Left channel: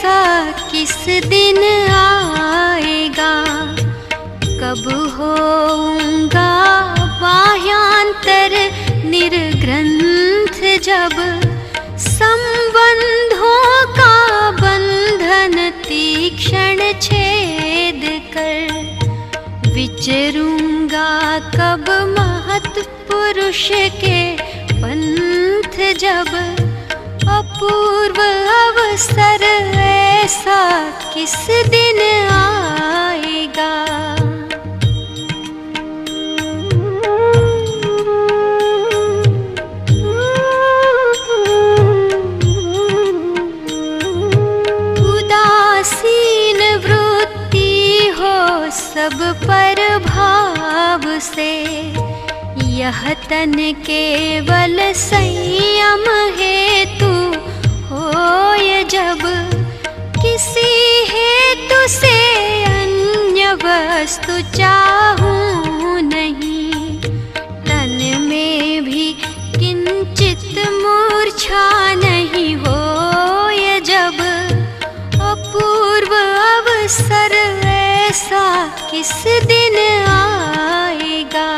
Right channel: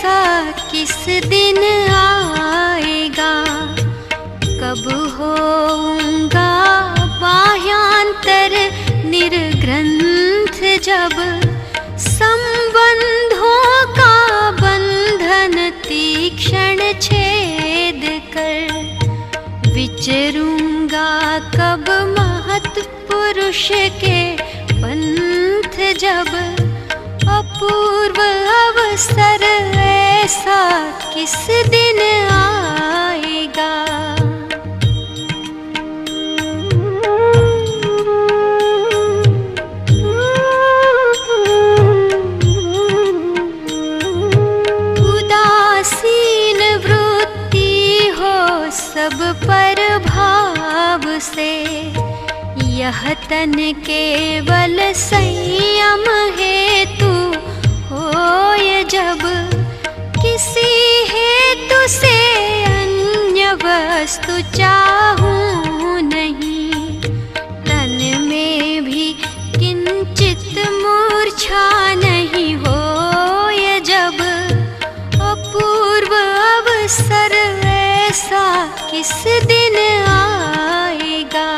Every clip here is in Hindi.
ऐसा किस दिन आएगा, कब होऊंगा बाह्यांतर निर्ग्रंथ, जब संबंधों का बंधन तीक्ष्ण छेद कर विचरूंगा, कब महत् पुरुष के पंथ, जब अपूर्व अवसर ऐसा किस दिन आएगा। उदासीन वृत्ति हो सब पर भाव से, यह तन केवल संयम हेतु होय, जब किसी हेतु से अन्य वस्तु चाहूं नहीं, तन में भी किंचित मूर्छा नहीं होय, जब अपूर्व अवसर ऐसा किस दिन आएगा।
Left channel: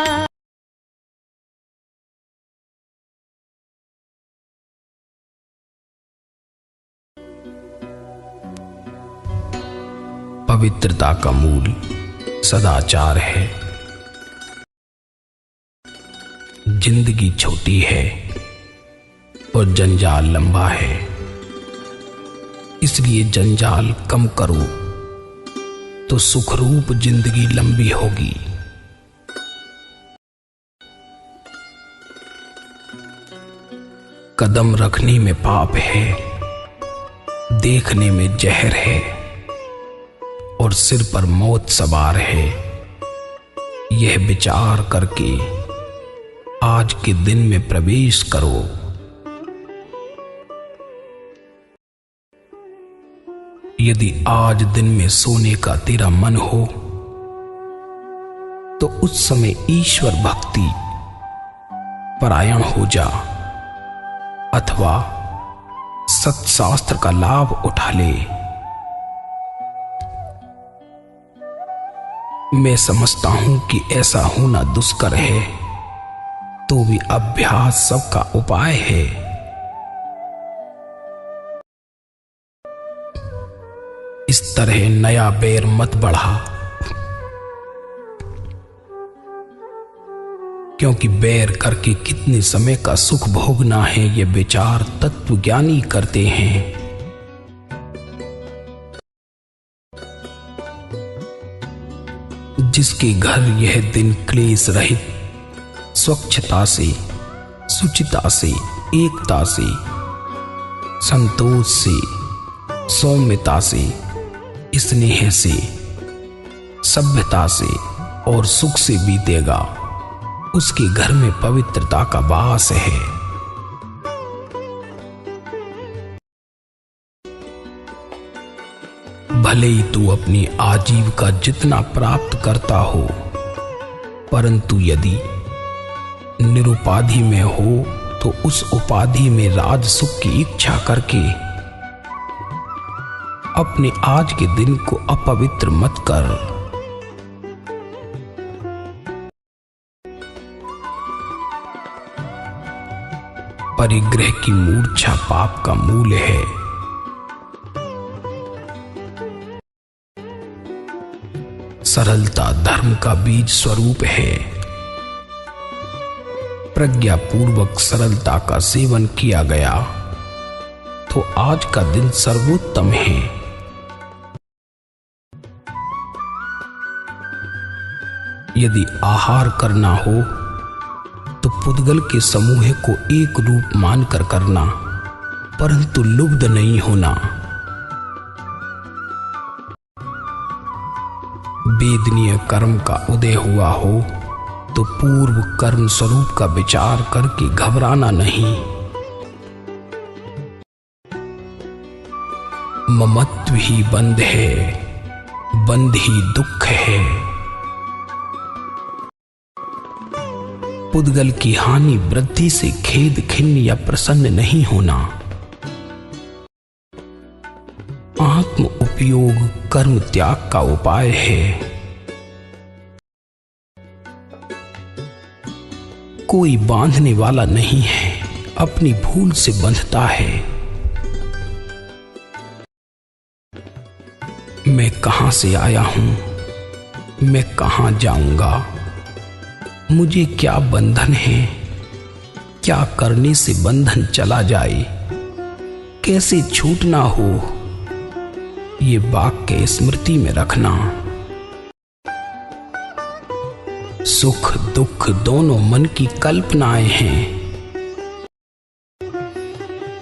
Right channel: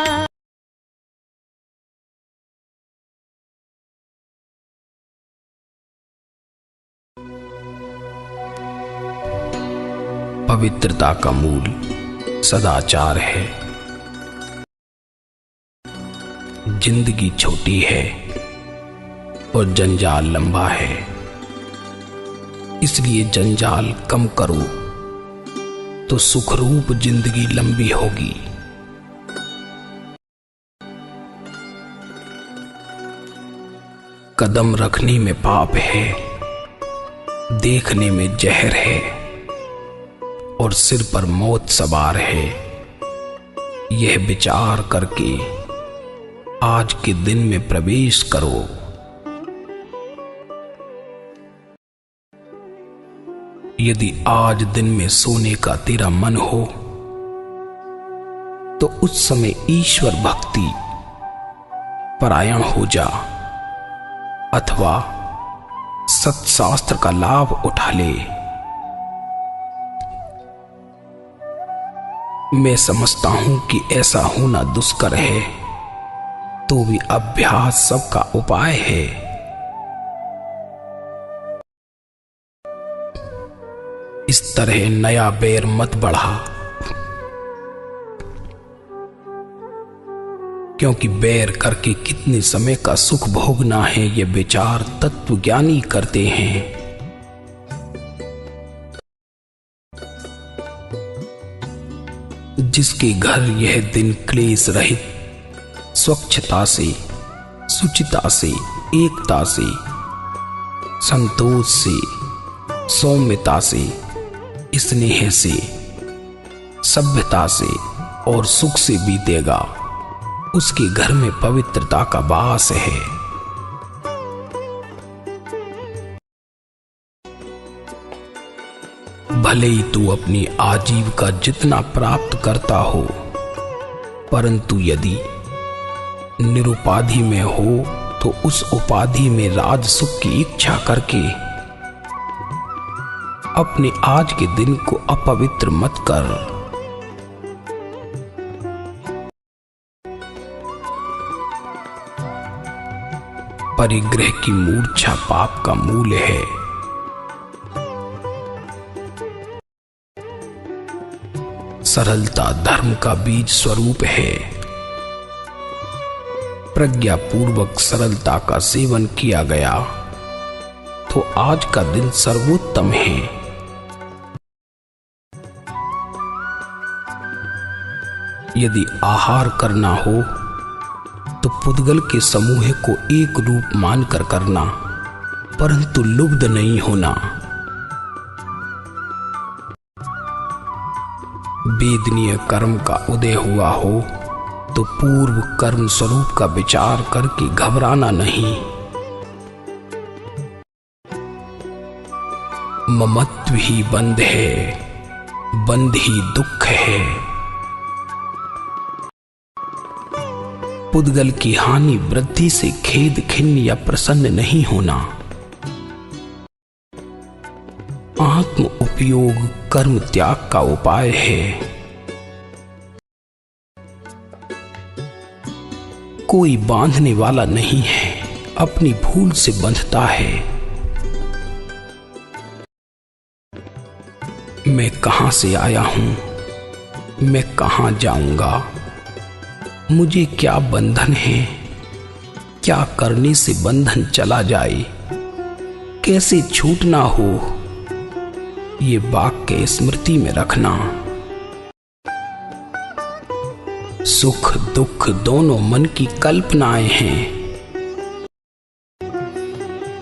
पवित्रता का मूल सदाचार है। जिंदगी छोटी है और जंजाल लंबा है, इसलिए जंजाल कम करो तो सुखरूप जिंदगी लंबी होगी। कदम रखने में पाप है, देखने में जहर है और सिर पर मौत सवार है। यह विचार करके आज के दिन में प्रवेश करो। यदि आज दिन में सोने का तेरा मन हो तो उस समय ईश्वर भक्ति परायण हो जा, अथवा सत्शास्त्र का लाभ उठा ले। मैं समझता हूं कि ऐसा होना दुष्कर है, तो भी अभ्यास सबका उपाय है। इस तरह नया बैर मत बढ़ा, क्योंकि बैर करके कितने समय का सुख भोगना है, ये विचार तत्वज्ञानी करते हैं। जिसके घर यह दिन क्लेश रहित, स्वच्छता से, शुचिता से, एकता से, संतोष से, सौम्यता से, स्नेह से, सभ्यता से और सुख से बीतेगा, उसके घर में पवित्रता का वास है। भले ही तू अपनी आजीविका जितना प्राप्त करता हो, परंतु यदि निरुपाधि में हो तो उस उपाधि में राज सुख की इच्छा करके अपने आज के दिन को अपवित्र मत कर। परिग्रह की मूर्छा पाप का मूल है। सरलता धर्म का बीज स्वरूप है। प्रज्ञा पूर्वक सरलता का सेवन किया गया तो आज का दिन सर्वोत्तम है। यदि आहार करना हो तो पुद्गल के समूह को एक रूप मानकर करना, परंतु लुब्ध नहीं होना। वेदनीय कर्म का उदय हुआ हो तो पूर्व कर्म स्वरूप का विचार करके घबराना नहीं। ममत्व ही बंध है, बंध ही दुख है। पुद्गल की हानि वृद्धि से खेद खिन्न या प्रसन्न नहीं होना। आत्म उपयोग कर्म त्याग का उपाय है। कोई बांधने वाला नहीं है, अपनी भूल से बंधता है। मैं कहां से आया हूं, मैं कहां जाऊंगा, मुझे क्या बंधन है, क्या करने से बंधन चला जाए, कैसे छूटना हो, ये वाक्य स्मृति में रखना। सुख दुख दोनों मन की कल्पनाएं हैं।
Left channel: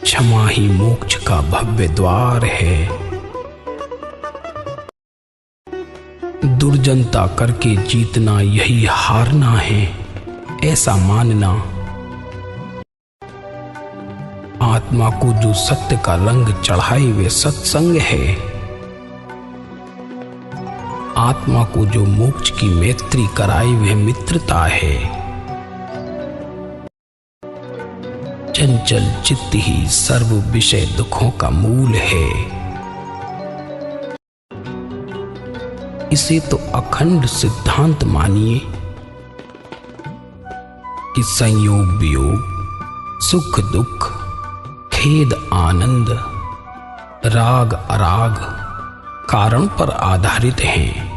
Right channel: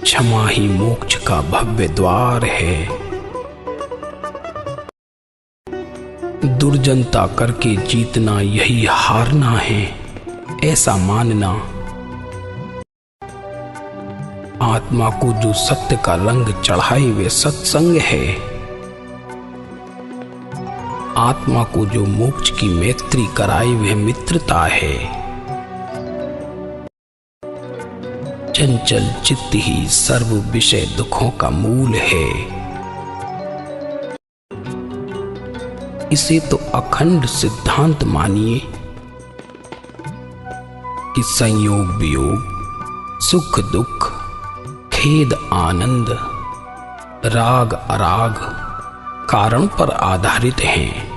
क्षमा ही मोक्ष का भव्य द्वार है। दुर्जनता करके जीतना यही हारना है, ऐसा मानना। आत्मा को जो सत्य का रंग चढ़ाए वे सत्संग है। आत्मा को जो मोक्ष की मैत्री कराए वह मित्रता है। चंचल चित्त ही सर्व विषय दुखों का मूल है। इसे तो अखंड सिद्धांत मानिए कि संयोग वियोग, सुख दुख, खेद आनंद, राग अराग कारण पर आधारित हैं।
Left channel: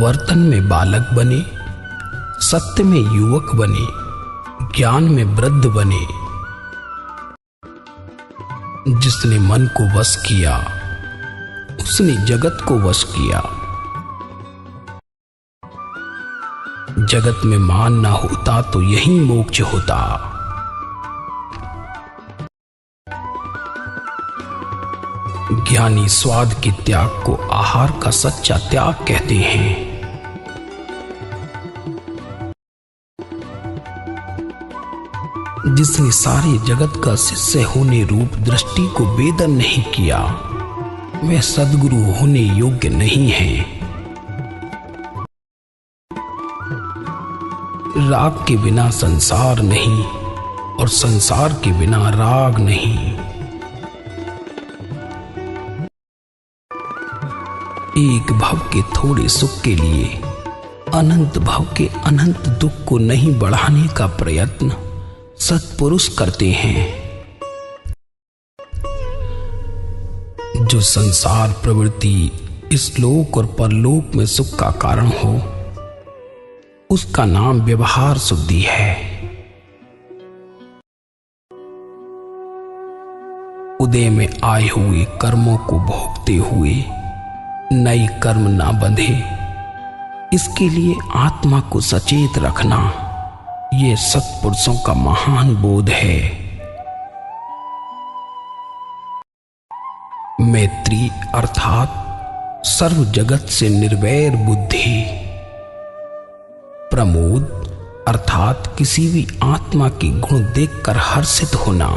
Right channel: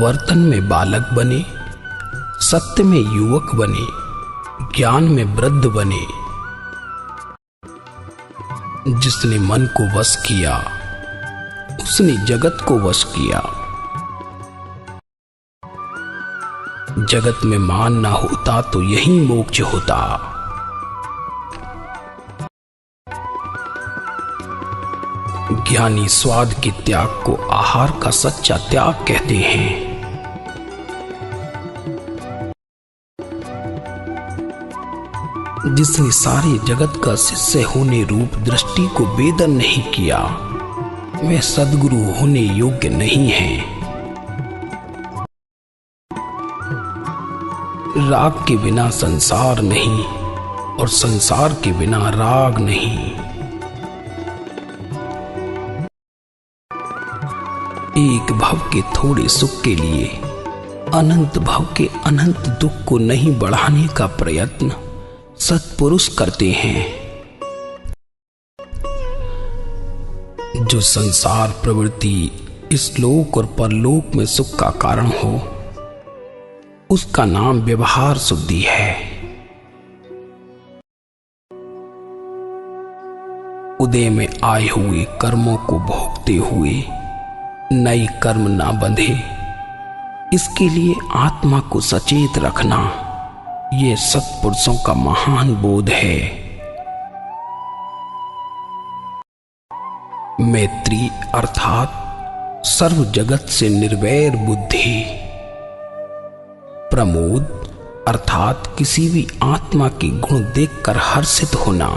वर्तन में बालक बने, सत्य में युवक बने, ज्ञान में वृद्ध बने। जिसने मन को वश किया उसने जगत को वश किया। जगत में मान ना होता तो यही मोक्ष होता। ज्ञानी स्वाद के त्याग को आहार का सच्चा त्याग कहते हैं। जिसने सारे जगत का शिष्य होने रूप दृष्टि को वेदन नहीं किया वह सद्गुरु होने योग्य नहीं है। राग के बिना संसार नहीं और संसार के बिना राग नहीं। एक भव के थोड़े सुख के लिए अनंत भव के अनंत दुख को नहीं बढ़ाने का प्रयत्न सत्पुरुष करते हैं। जो संसार प्रवृत्ति इस लोक और परलोक में सुख का कारण हो उसका नाम व्यवहार शुद्धि है। उदय में आए हुए कर्मों को भोगते हुए नई कर्म ना बंधे, इसके लिए आत्मा को सचेत रखना ये सत्पुरुषों का महान बोध है। मैत्री अर्थात सर्व जगत से निर्वैर बुद्धि। प्रमोद अर्थात किसी भी आत्मा के गुण देखकर हर्षित होना।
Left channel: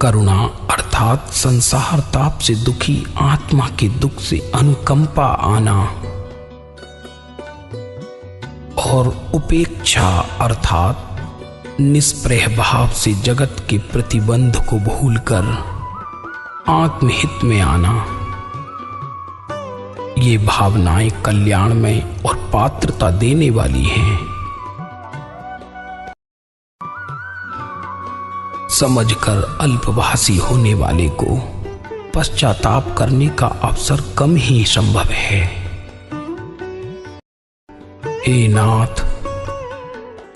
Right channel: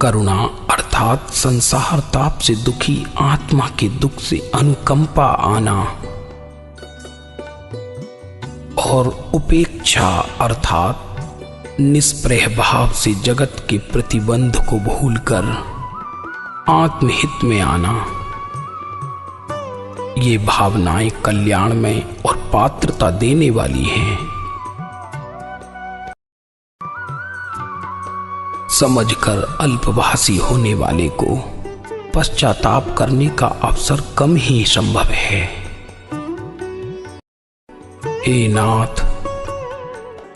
करुणा अर्थात संसार ताप से दुखी आत्मा के दुख से अनुकंपा आना। और उपेक्षा अर्थात निष्प्रह भाव से जगत के प्रतिबंध को भूलकर आत्महित में आना। ये भावनाएं कल्याण में और पात्रता देने वाली हैं। समझकर अल्पभाषी होने वाले को पश्चाताप करने का अवसर कम ही संभव है। हे नाथ,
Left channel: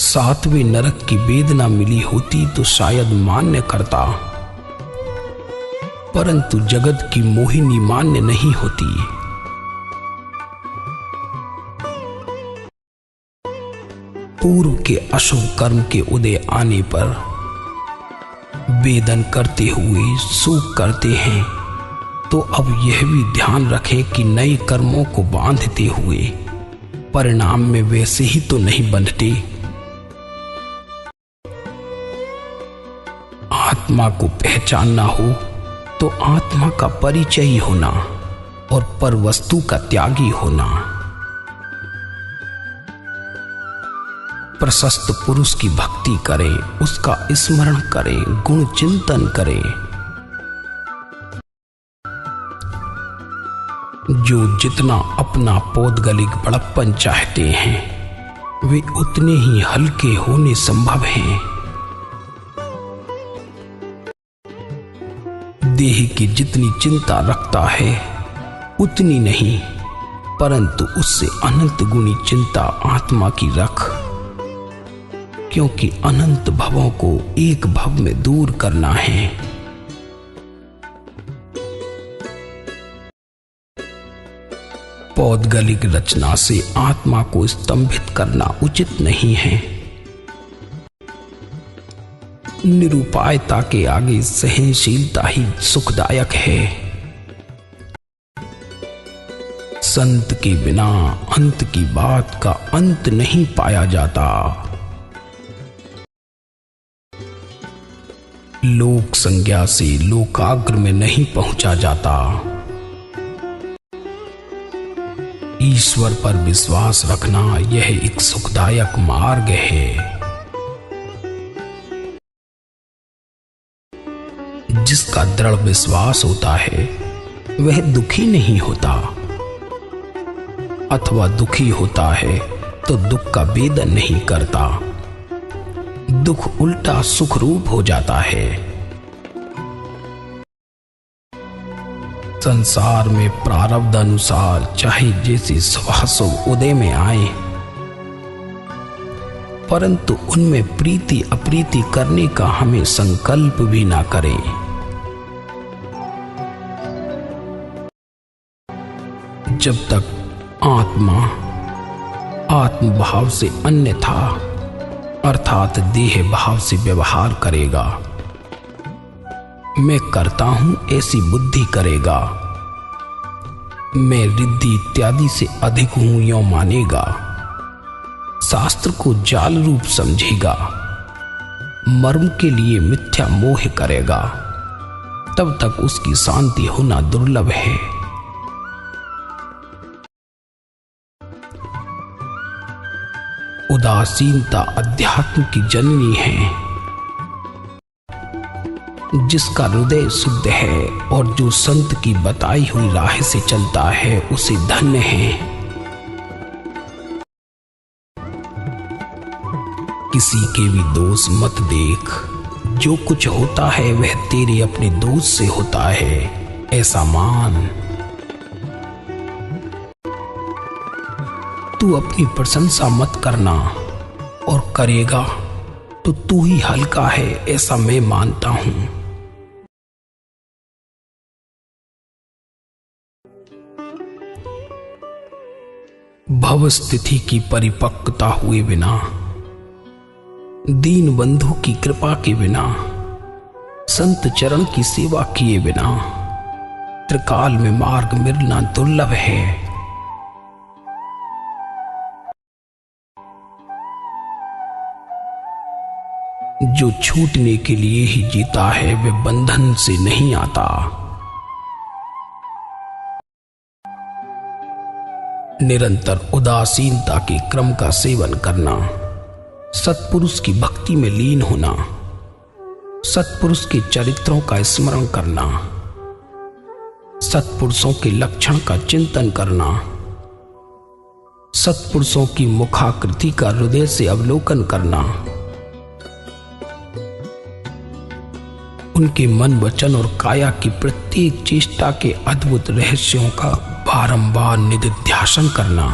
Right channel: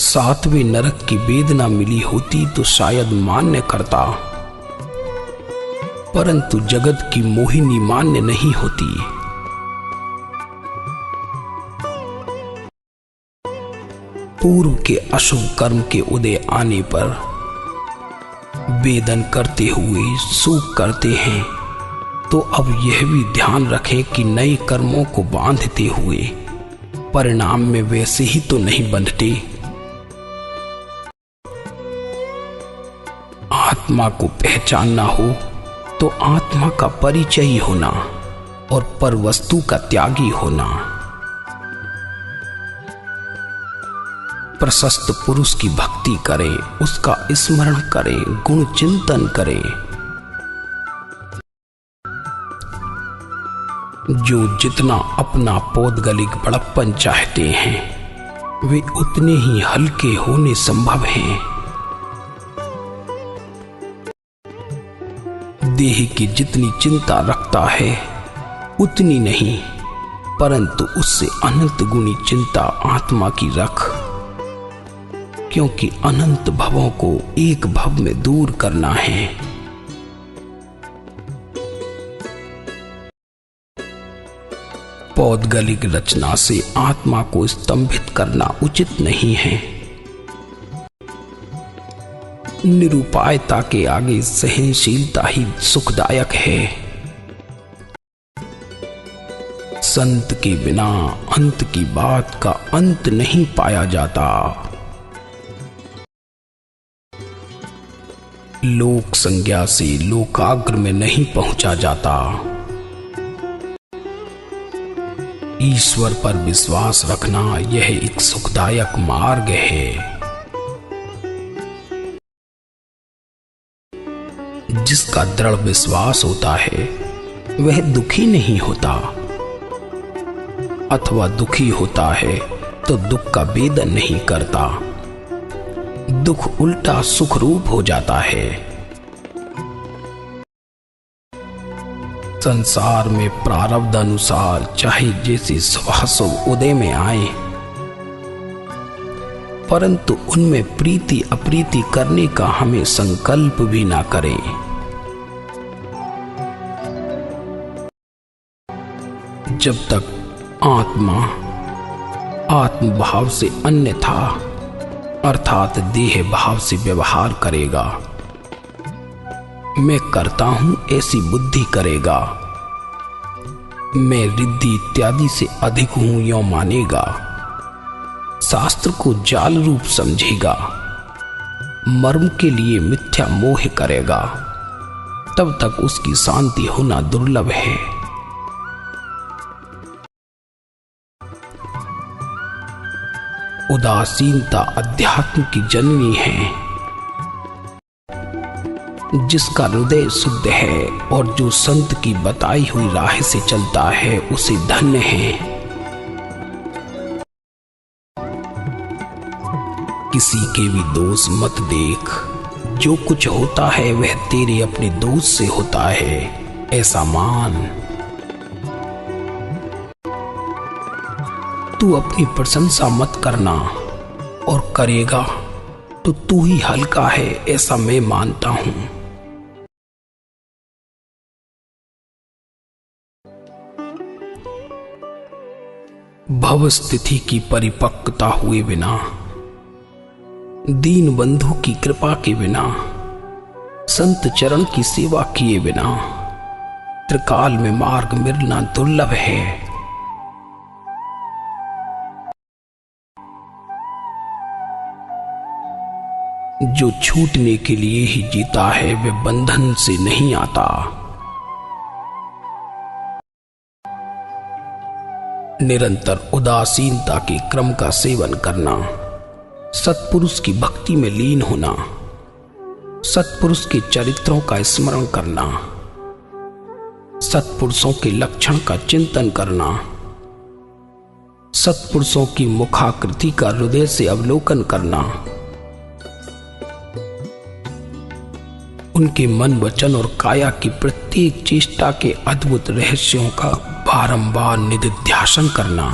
सातवें नरक की वेदना मिली होती तो शायद मान्य करता, परंतु जगत की मोहिनी मान्य नहीं होती। पूर्व के अशुभ कर्म के उदय आने पर वेदन करते हुए सुख करते हैं, तो अब यह भी ध्यान रखें कि नए कर्मों को बांधते हुए परिणाम में वैसे ही तो नहीं बंधते। आत्मा को पहचानना हो तो आत्मा का परिचय होना और पर वस्तु का त्यागी होना। प्रशस्त पुरुष की भक्ति करें, उसका स्मरण करें, गुण चिंतन करें। जो जितना अपना पौद्गलिक बड़प्पन चाहते हैं वे उतने ही हल्के होने संभव हैं। देह की जितनी चिंता रखता है उतनी नहीं, परंतु उससे अनंत गुनी चिंता आत्मा की रख, क्योंकि अनंत भवों को एक भव में दूर करना है। पौद्गलिक रचना से आत्मा को स्तंभित करना उचित नहीं है। निरुपायता के आगे सहनशीलता ही सुखदायक है। संत के बिना अंत की बात का अंत नहीं पाया जाता। लोक संज्ञा से लोकाग्र में नहीं पहुंचा जाता। ईश्वर पर विश्वास रखना यह एक सुखदायक मार्ग है। जिसका दृढ़ विश्वास होता है वह दुखी नहीं होता, अथवा दुखी होता है तो दुख का वेदन नहीं करता। दुख उल्टा सुख रूप हो जाता है। संसार में प्रारब्ध अनुसार चाहे जैसे सुभासुभ उदय में आए, परंतु उनमें प्रीति अप्रीति करने का हमें संकल्प भी ना करें। जब तक आत्मा आत्मभाव से अन्य था, अर्थात देह भाव से व्यवहार करेगा, मैं करता हूं ऐसी बुद्धि करेगा, मैं रिद्धि इत्यादि से अधिक हूं यो मानेगा, शास्त्र को जाल रूप समझेगा, मर्म के लिए मिथ्या मोह करेगा, तब तक उसकी शांति होना दुर्लभ है। उदासीनता अध्यात्म की जननी है। जिसका हृदय शुद्ध है और जो संत की बताई हुई राह से चलता है उसे धन्य है। किसी के भी दोष मत देख, जो कुछ होता है वह तेरे अपने दोष से होता है, ऐसा मान। तू अपनी प्रशंसा मत करना, और करेगा तो तू ही हल्का है, ऐसा मैं मानता हूं। भव स्थिति की परिपक्वता हुए बिना, दीन बंधु की कृपा के बिना, संत चरण की सेवा किए बिना त्रिकाल में मार्ग मिलना दुर्लभ है। जो छूटने के लिए ही जीता है वह बंधन से नहीं आता। निरंतर उदासीनता के क्रम का सेवन करना, सत्पुरुष की भक्ति में लीन होना, सत्पुरुष के चरित्रों का स्मरण करना, सत्पुरुषों के लक्षण का चिंतन करना, सत्पुरुषों की मुखाकृति का हृदय से अवलोकन करना, उनके मन वचन और काया की प्रत्येक चेष्टा के अद्भुत रहस्यों का बारंबार निधिध्यासन करना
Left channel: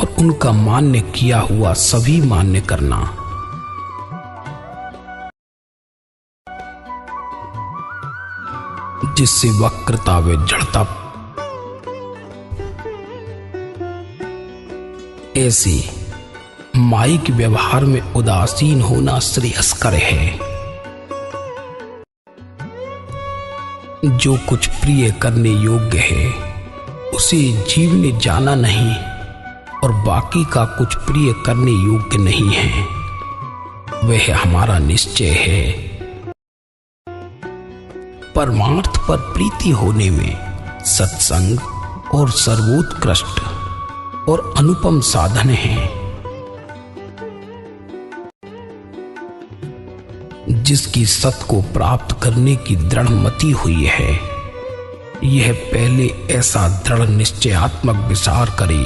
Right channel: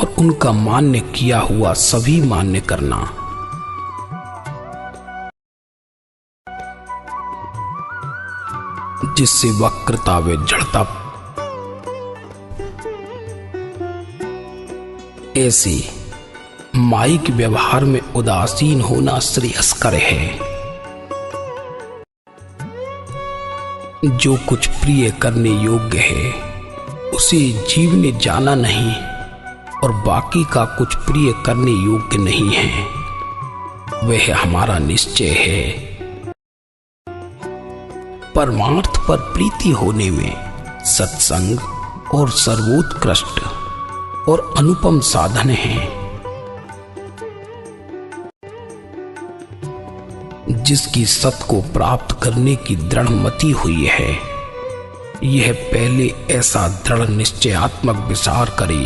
और उनका मान्य किया हुआ सभी मान्य करना। जिससे वक्रता व जड़ता ऐसी माइक व्यवहार में उदासीन होना श्रेयस्कर है। जो कुछ प्रिय करने योग्य है उसे जीवने जाना नहीं, और बाकी का कुछ प्रिय करने योग्य नहीं है, वह हमारा निश्चय है। परमार्थ पर प्रीति होने में सत्संग और सर्वोत्कृष्ट और अनुपम साधन है, जिसकी सत को प्राप्त करने की दृढ़ मति हुई है। यह पहले ऐसा दृढ़ निश्चयात्मक विचार करे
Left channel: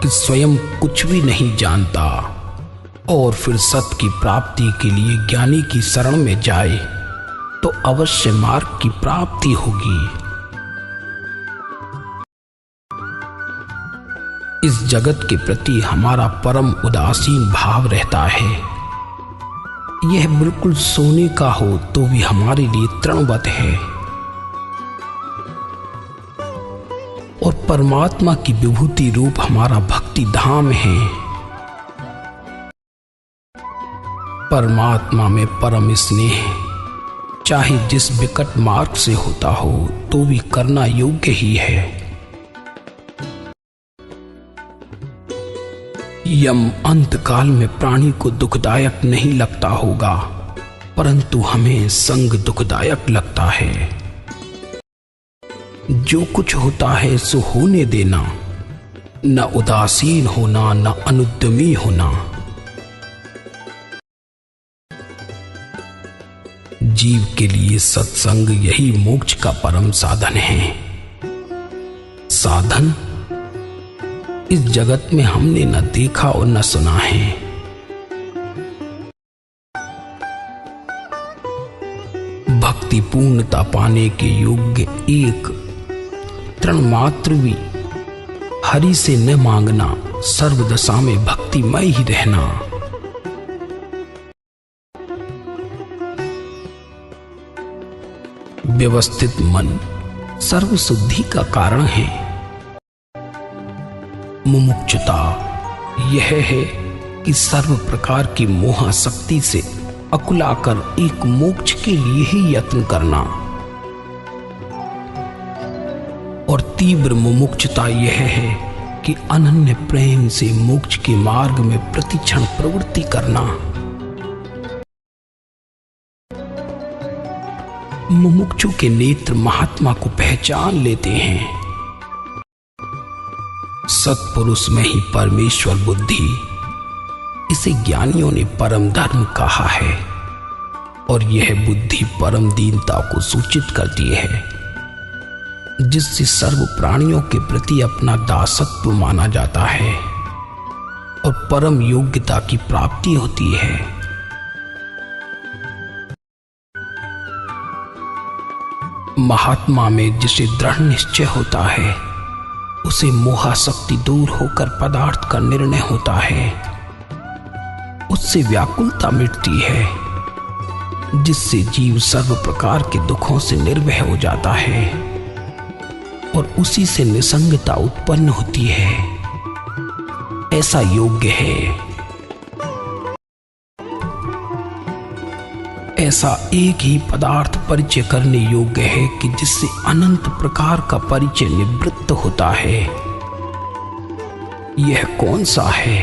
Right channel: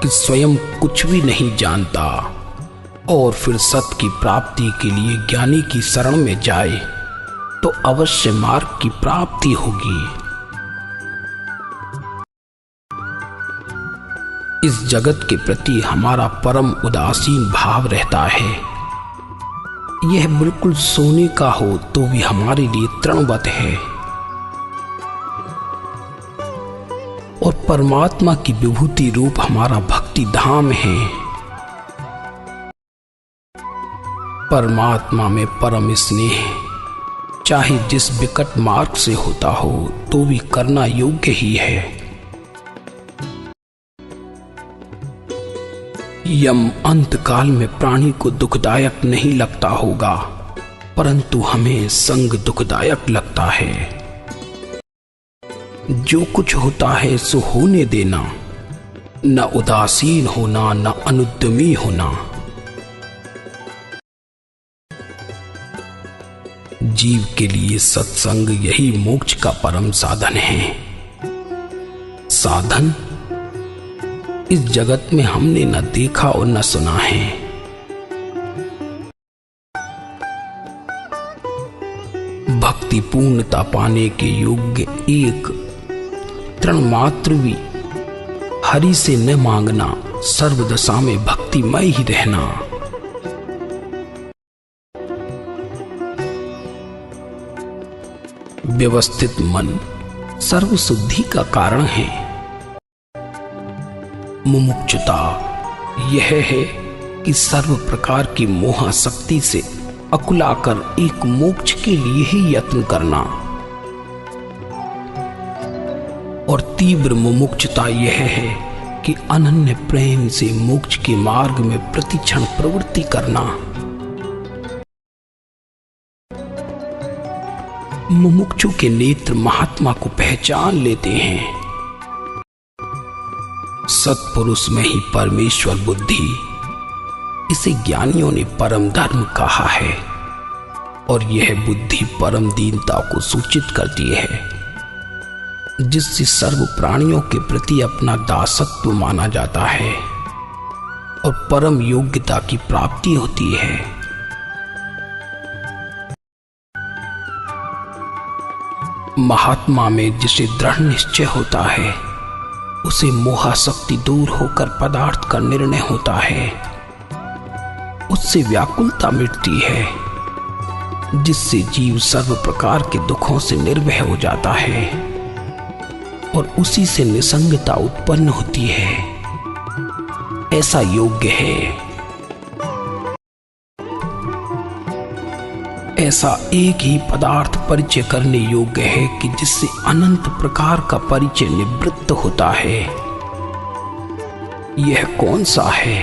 कि स्वयं कुछ भी नहीं जानता और फिर सत की प्राप्ति के लिए ज्ञानी की शरण में जाए तो अवश्य मार्ग की प्राप्ति होगी। इस जगत के प्रति हमारा परम उदासीन भाव रहता है। यह बिल्कुल सोने का हो तो भी हमारे लिए तृणवत है और परमात्मा की विभूति रूप हमारा भक्ति धाम है। परमात्मा में परम स्नेह चाहे जिस विकट मार्ग से होता हो तो भी करना योग्य ही है। यम अंत काल में प्राणी को दुखदायक नहीं लगता होगा, परंतु हमें संग दुखदायक लगता है। जो कुछ होता है सो होने देना, न उदासीन होना न अनुद्यमी होना। जीव के लिए सत्संग यही मोक्ष का परम साधन है। साधन इस जगत में हमने न देखा और न सुना है। भक्ति पूर्णता पाने के योग्य एक तृण मात्र भी हरि से न मांगना, सर्वदशा में भक्तिमय ही रहना। व्यवस्थित मन सर्व शुद्धि का कारण है। मुमुक्षुता यह है कि सर्व प्रकार की मोहासक्ति से अकुलाकर एक मोक्ष के लिए ही यत्न करना, और तीव्र मुमुक्षुता यह है कि अनन्य प्रेम से मोक्ष के मार्ग में प्रतिक्षण प्रवृत्ति करना। मुमुक्षु के नेत्र महात्मा को पहचान लेते हैं। सत्पुरुष में ही परमेश्वर बुद्धि, इसे ज्ञानियों ने परम धर्म कहा है, और यह बुद्धि परम दीनता को सूचित करती है, जिससे सर्व प्राणियों के प्रति अपना दासत्व माना जाता है और परम योग्यता की प्राप्ति होती है। महात्मा में जिसे दृढ़ निश्चय होता है, उसे मोहासक्ति दूर होकर पदार्थ का निर्णय होता है। उससे व्याकुलता मिटती है, जिससे जीव सर्व प्रकार के दुखों से निर्भय हो जाता है और उसी से निसंगता उत्पन्न होती है। ऐसा योग्य है। ऐसा एक ही पदार्थ परिचय करने योग्य है कि जिससे अनंत प्रकार का परिचय निवृत्त होता है। यह कौन सा है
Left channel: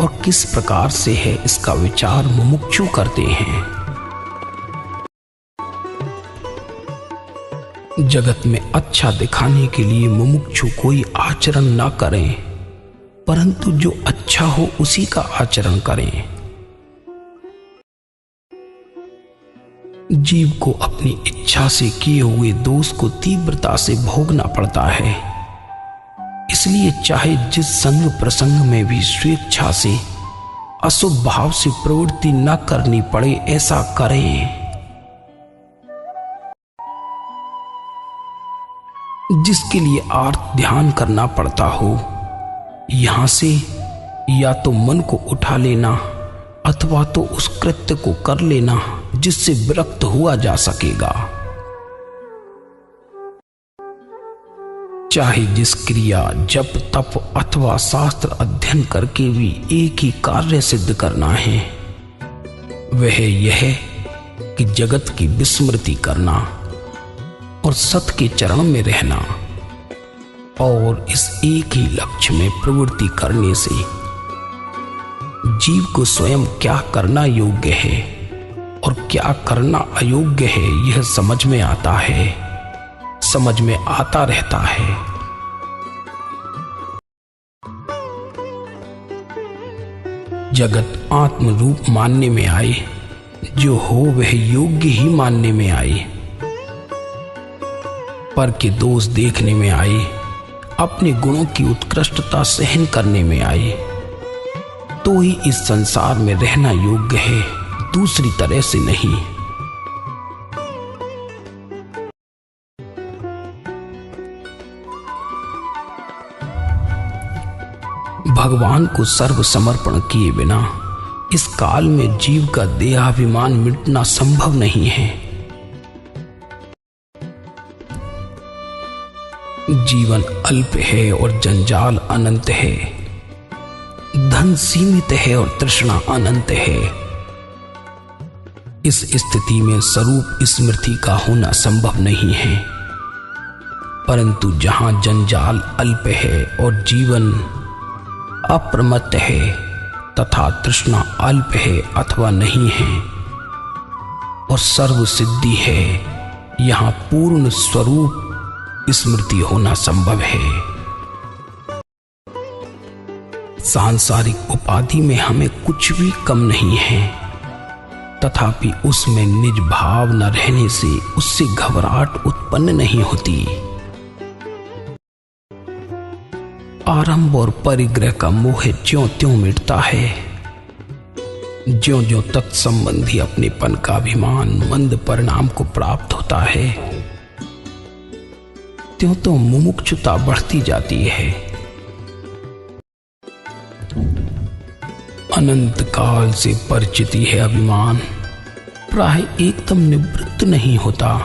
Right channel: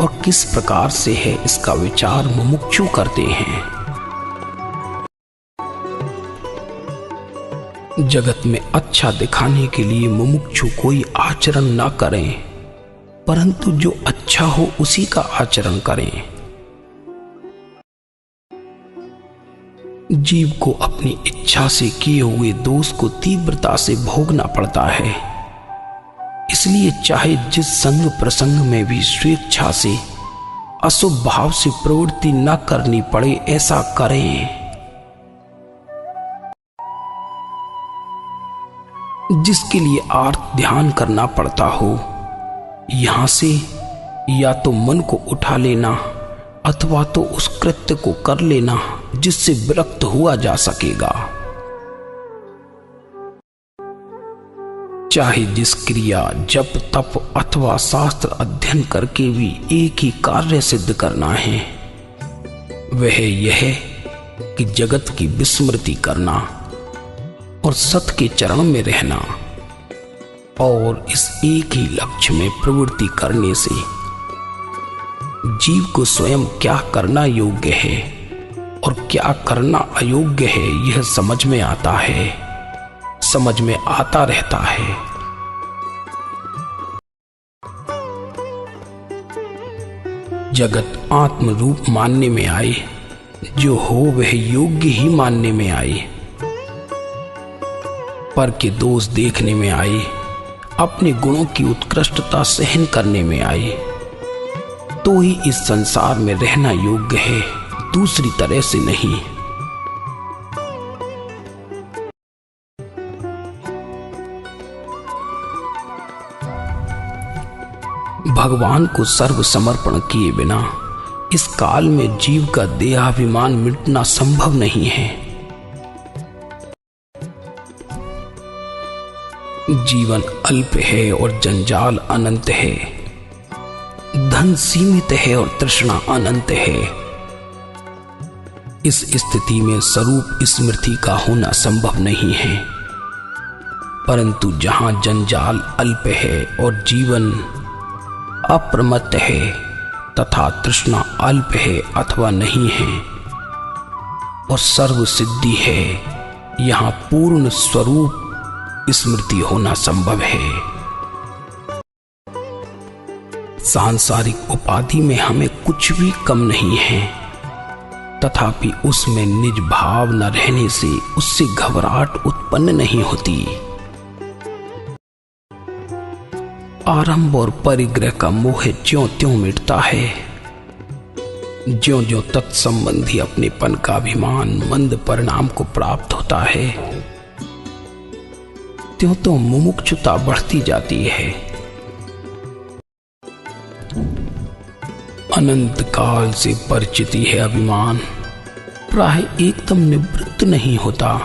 और किस प्रकार से है, इसका विचार मुमुक्षु करते हैं। जगत में अच्छा दिखाने के लिए मुमुक्षु कोई आचरण न करें, परंतु जो अच्छा हो उसी का आचरण करें। जीव को अपनी इच्छा से किए हुए दोष को तीव्रता से भोगना पड़ता है। इसलिए चाहे जिस संग प्रसंग में भी स्वेच्छा से अशुभ भाव से प्रवृत्ति न करनी पड़े, ऐसा करें। जिसके लिए आर्त ध्यान करना पड़ता हो, यहां से या तो मन को उठा लेना अथवा तो उस कृत्य को कर लेना जिससे विरक्त हुआ जा सकेगा। चाहे जिस क्रिया, जप, तप अथवा शास्त्र अध्ययन करके भी एक ही कार्य सिद्ध करना है, वह यह कि जगत की विस्मृति करना और सत के चरण में रहना। और इस एक ही लक्ष्य में प्रवृत्ति करने से जीव को स्वयं क्या करना योग्य है और क्या करना अयोग्य है, यह समझ में आता है, समझ में आता रहता है। जगत आत्म रूप मानने में आए, जो हो वह योग्य ही मानने में आए, पर के दोष देखने में आए, अपने गुणों की उत्कृष्टता सहन करने में आए, तो ही इस संसार में रहना योग्य है, दूसरी तरह से नहीं। भगवान को सर्व समर्पण किए बिना इस काल में जीव का देहाभिमान मिटना संभव नहीं है। जीवन अल्प है और जंजाल अनंत है, धन सीमित है और तृष्णा अनंत है। इस स्थिति में स्वरूप स्मृति का होना संभव नहीं है, परंतु जहां जंजाल अल्प है और जीवन अप्रमत्त है तथा तृष्णा अल्प है अथवा नहीं है और सर्व सिद्धि है, यहाँ पूर्ण स्वरूप स्मृति होना संभव है। सांसारिक उपाधि में हमें कुछ भी कम नहीं है, तथापि उसमें निज भाव न रहने से उससे घबराहट उत्पन्न नहीं होती। आरंभ और परिग्रह का मोह ज्यों त्यों मिटता है, ज्यों ज्यों तत्संबंधी अपनेपन का अभिमान मंद परिणाम को प्राप्त होता है, त्यों त्यों मुमुक्षुता बढ़ती जाती है। अनंत काल से परिचित है अभिमान प्राय एकदम निवृत्त नहीं होता।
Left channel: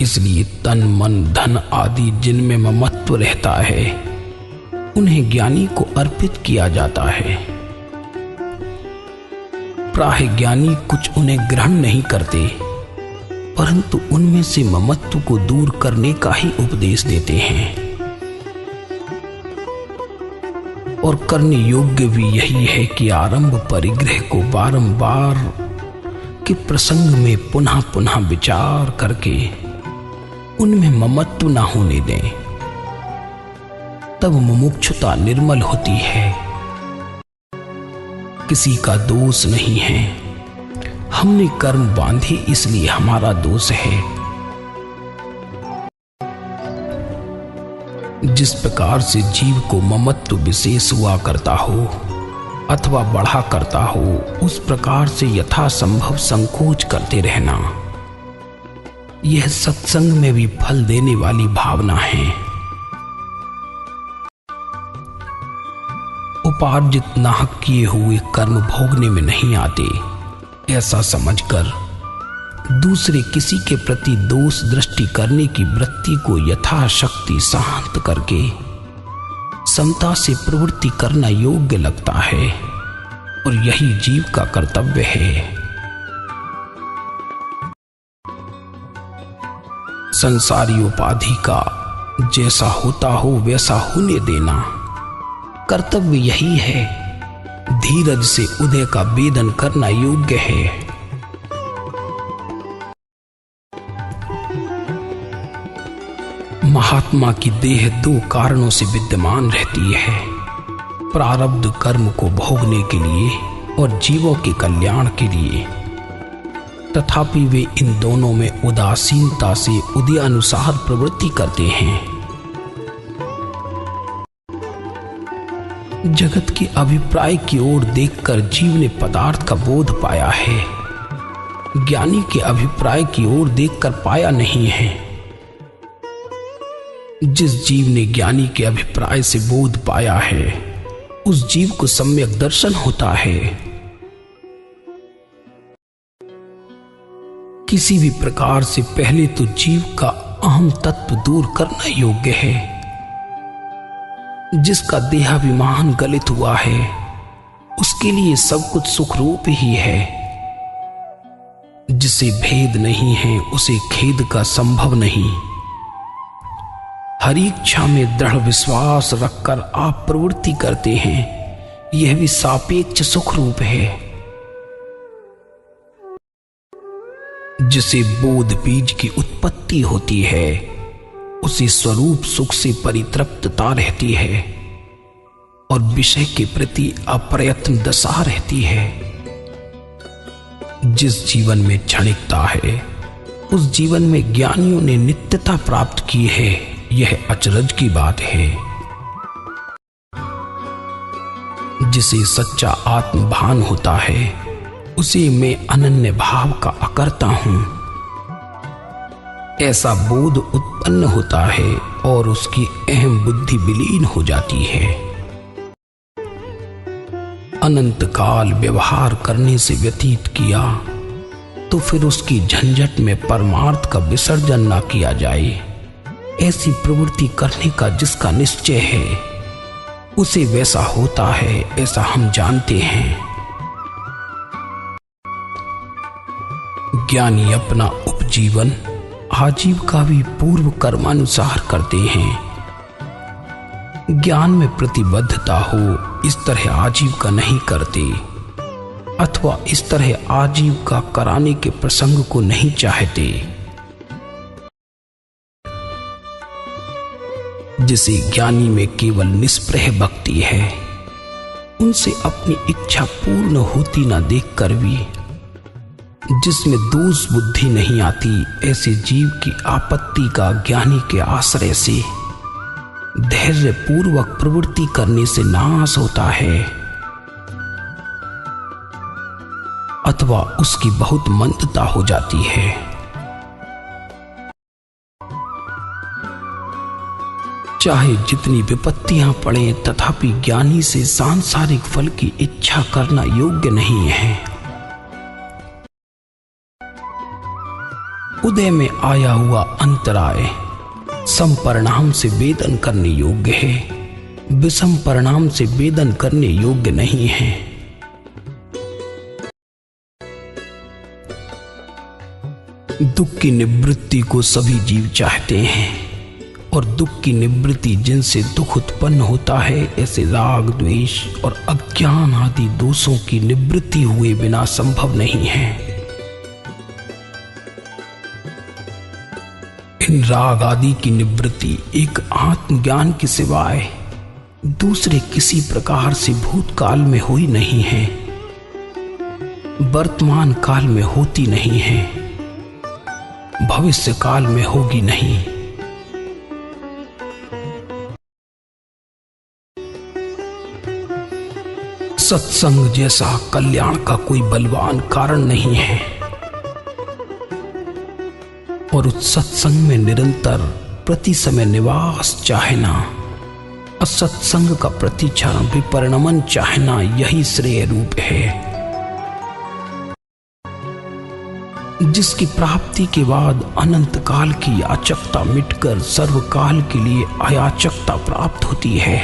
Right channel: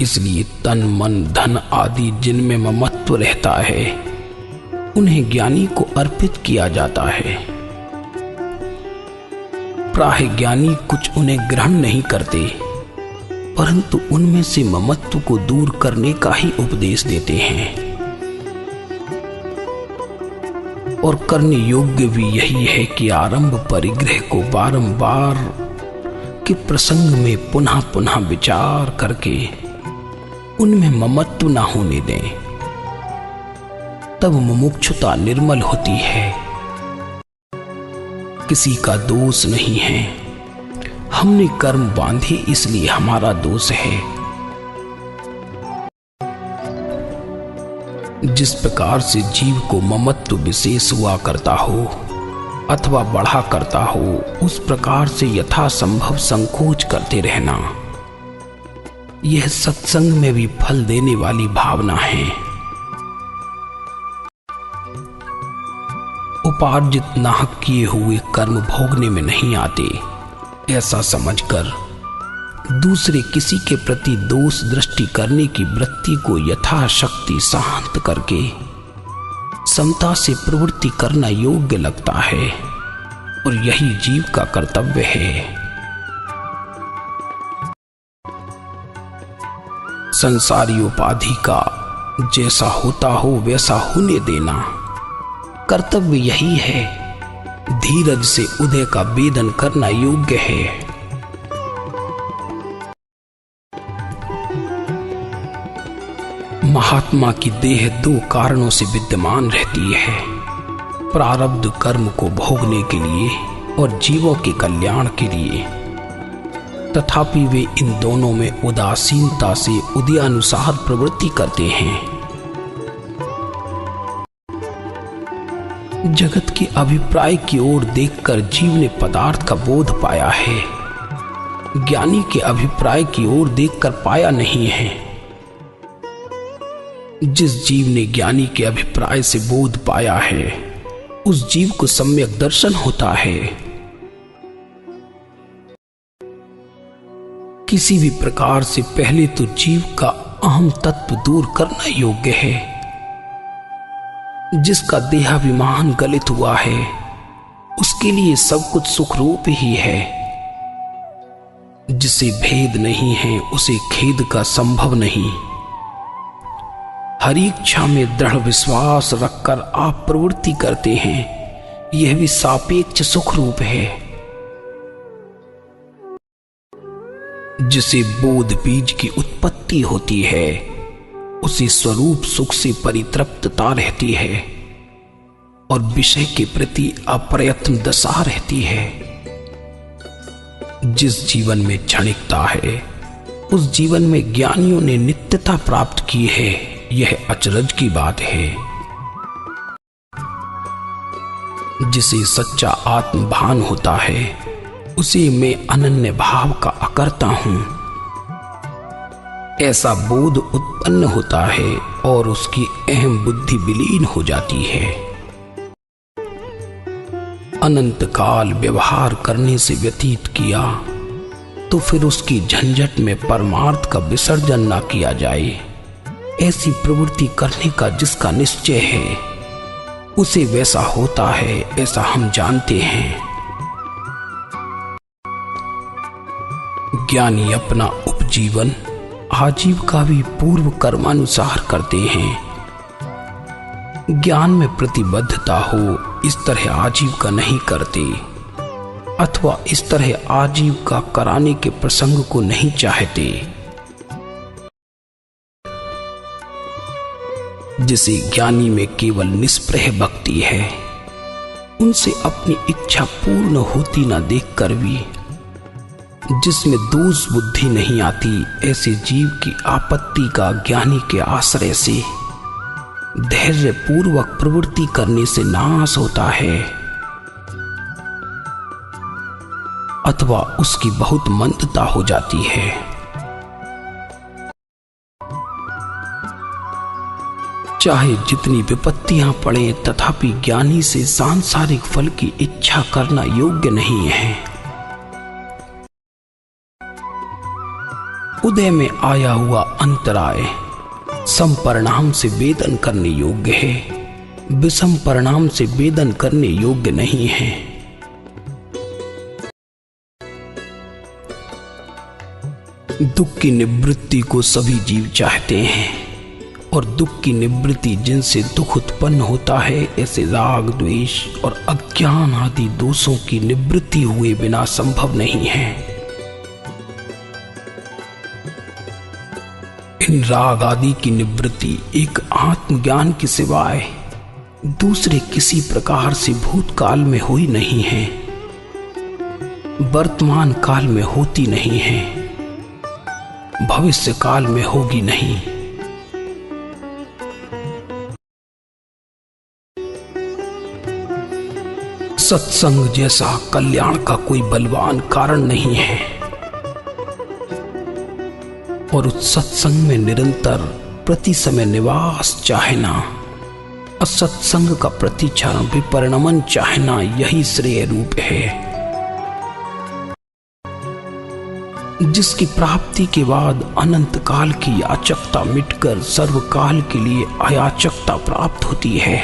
इसलिए तन मन धन आदि जिनमें ममत्व रहता है, उन्हें ज्ञानी को अर्पित किया जाता है। प्राय ज्ञानी कुछ उन्हें ग्रहण नहीं करते, परंतु उनमें से ममत्व को दूर करने का ही उपदेश देते हैं। और करने योग्य भी यही है कि आरंभ परिग्रह को बारंबार के प्रसंग में पुनः पुनः विचार करके उनमें ममत्व न होने दें, तब मुमुक्षुता निर्मल होती है। किसी का दोष नहीं है, हमने कर्म बांधे इसलिए हमारा दोष है। जिस प्रकार से जीव को ममत्व विशेष हुआ करता हो अथवा बढ़ा करता हो, उस प्रकार से यथासंभव संकोच करते रहना, यह सत्संग में भी फल देने वाली भावना है। उपार्जित नाहक किए हुए कर्म भोगने में नहीं आते, ऐसा समझकर दूसरे किसी के प्रति दोष दृष्टि करने की वृत्ति को यथाशक्ति शांत करके समता से प्रवृत्ति करना योग्य लगता है, और यही जीव का कर्तव्य है। संसारी उपाधि का जैसा होता हो वैसा होने देना कर्तव्य यही है। धीरज से उदय का वेदन करना योग्य है। महात्मा की देह दो कारणों से विद्यमान रहती है, प्रारब्ध कर्म को भोगने के लिए और जीवों के कल्याण के लिए। तथापि वे इन दोनों में उदासीनता से उदयानुसार प्रवृत्ति करते हैं। जगत के अभिप्राय की ओर देखकर जीव ने पदार्थ का बोध पाया है, ज्ञानी के अभिप्राय की ओर देखकर पाया नहीं है। जिस जीव ने ज्ञानी के अभिप्राय से बोध पाया है, उस जीव को सम्यक दर्शन होता है। किसी भी प्रकार से पहले तो जीव का अहम तत्व दूर करना योग्य है। जिसका देहाभिमान गलित हुआ है, उसके लिए सब कुछ सुखरूप ही है। जिसे भेद नहीं है, उसे खेद का संभव नहीं। हर इच्छा में दृढ़ विश्वास रखकर आप प्रवृत्ति करते हैं, यह भी सापेक्ष सुखरूप है। जिसे बोध बीज की उत्पत्ति होती है, उसे स्वरूप सुख से परितृप्तता रहती है। और विषय के प्रति अप्रयत्न दशा रहती है। जिस जीवन में क्षणिकता है उस जीवन में ज्ञानियों ने नित्यता प्राप्त की है, यह अचरज की बात है। जिसे सच्चा आत्मभान होता है उसे मैं अनन्य भाव का अकर्ता हूं, ऐसा बोध उत्पन्न होता है और उसकी अहम बुद्धि विलीन हो जाती है। अनंत काल व्यवहार करने से व्यतीत किया तो फिर उसकी झंझट में परमार्थ का विसर्जन ना किया जाए। ऐसी प्रवृत्ति करने का जिसका निश्चय है उसे वैसा होता है, ऐसा हम जानते हैं। ज्ञानी अपना उपजीवन आजीविका भी पूर्व कर्मानुसार करते हैं। ज्ञान में प्रतिबद्धता हो इस तरह आजीविका नहीं करते, अथवा इस तरह आजीविका कराने के प्रसंग को नहीं चाहते। जिसे ज्ञानी में केवल निष्प्रह भक्ति है, उनसे अपनी इच्छा पूर्ण होती न देखकर भी जिसमें दोष बुद्धि नहीं आती, ऐसे जीव की आपत्ति का ज्ञानी के आश्रय से धैर्य पूर्वक प्रवृत्ति करने से नाश होता है, अथवा उसकी बहुत मंदता हो जाती है। चाहे जितनी विपत्तियां पड़े तथापि ज्ञानी से सांसारिक फल की इच्छा करना योग्य नहीं है। उदय में आया हुआ अंतराय सम परिणाम से वेदन करने योग्य है, विषम परिणाम से वेदन करने योग्य नहीं है। दुख की निवृत्ति को सभी जीव चाहते हैं और दुख की निवृत्ति जिनसे दुख उत्पन्न होता है, ऐसे राग द्वेष और अज्ञान आदि दोषों की निवृत्ति हुए बिना संभव नहीं है। इन राग आदि की निवृत्ति एक आत्मज्ञान के सिवाय दूसरे किसी प्रकार से भूतकाल में हुई नहीं है, वर्तमान काल में होती नहीं है, भविष्य काल में होगी नहीं। सत्संग जैसा कल्याण का कोई बलवान कारण नहीं है और उस सत्संग में निरंतर प्रति समय निवास चाहना, असत्संग का प्रतिक्षण विपरिणमन चाहना, यही श्रेय रूप है। जिसकी प्राप्ति के बाद अनंत काल की याचकता मिटकर सर्वकाल के लिए अयाचकता प्राप्त होती है,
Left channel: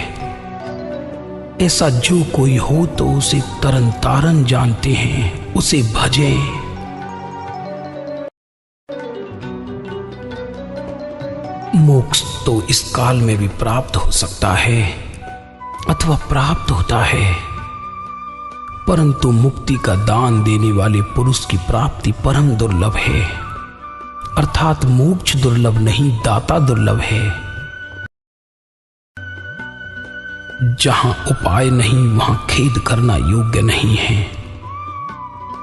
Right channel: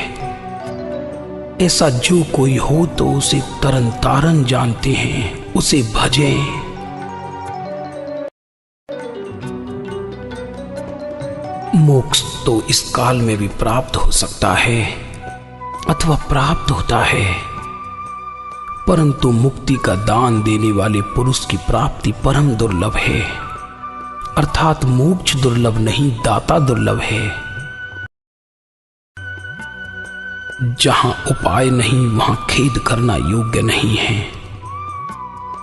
ऐसा जो कोई हो तो उसे तरन तारन जानते हैं, उसे भजें। मोक्ष तो इस काल में भी प्राप्त हो सकता है अथवा प्राप्त होता है, परंतु मुक्ति का दान देने वाले पुरुष की प्राप्ति परम दुर्लभ है। अर्थात मोक्ष दुर्लभ नहीं, दाता दुर्लभ है। जहां उपाय नहीं वहां खेद करना योग्य नहीं है।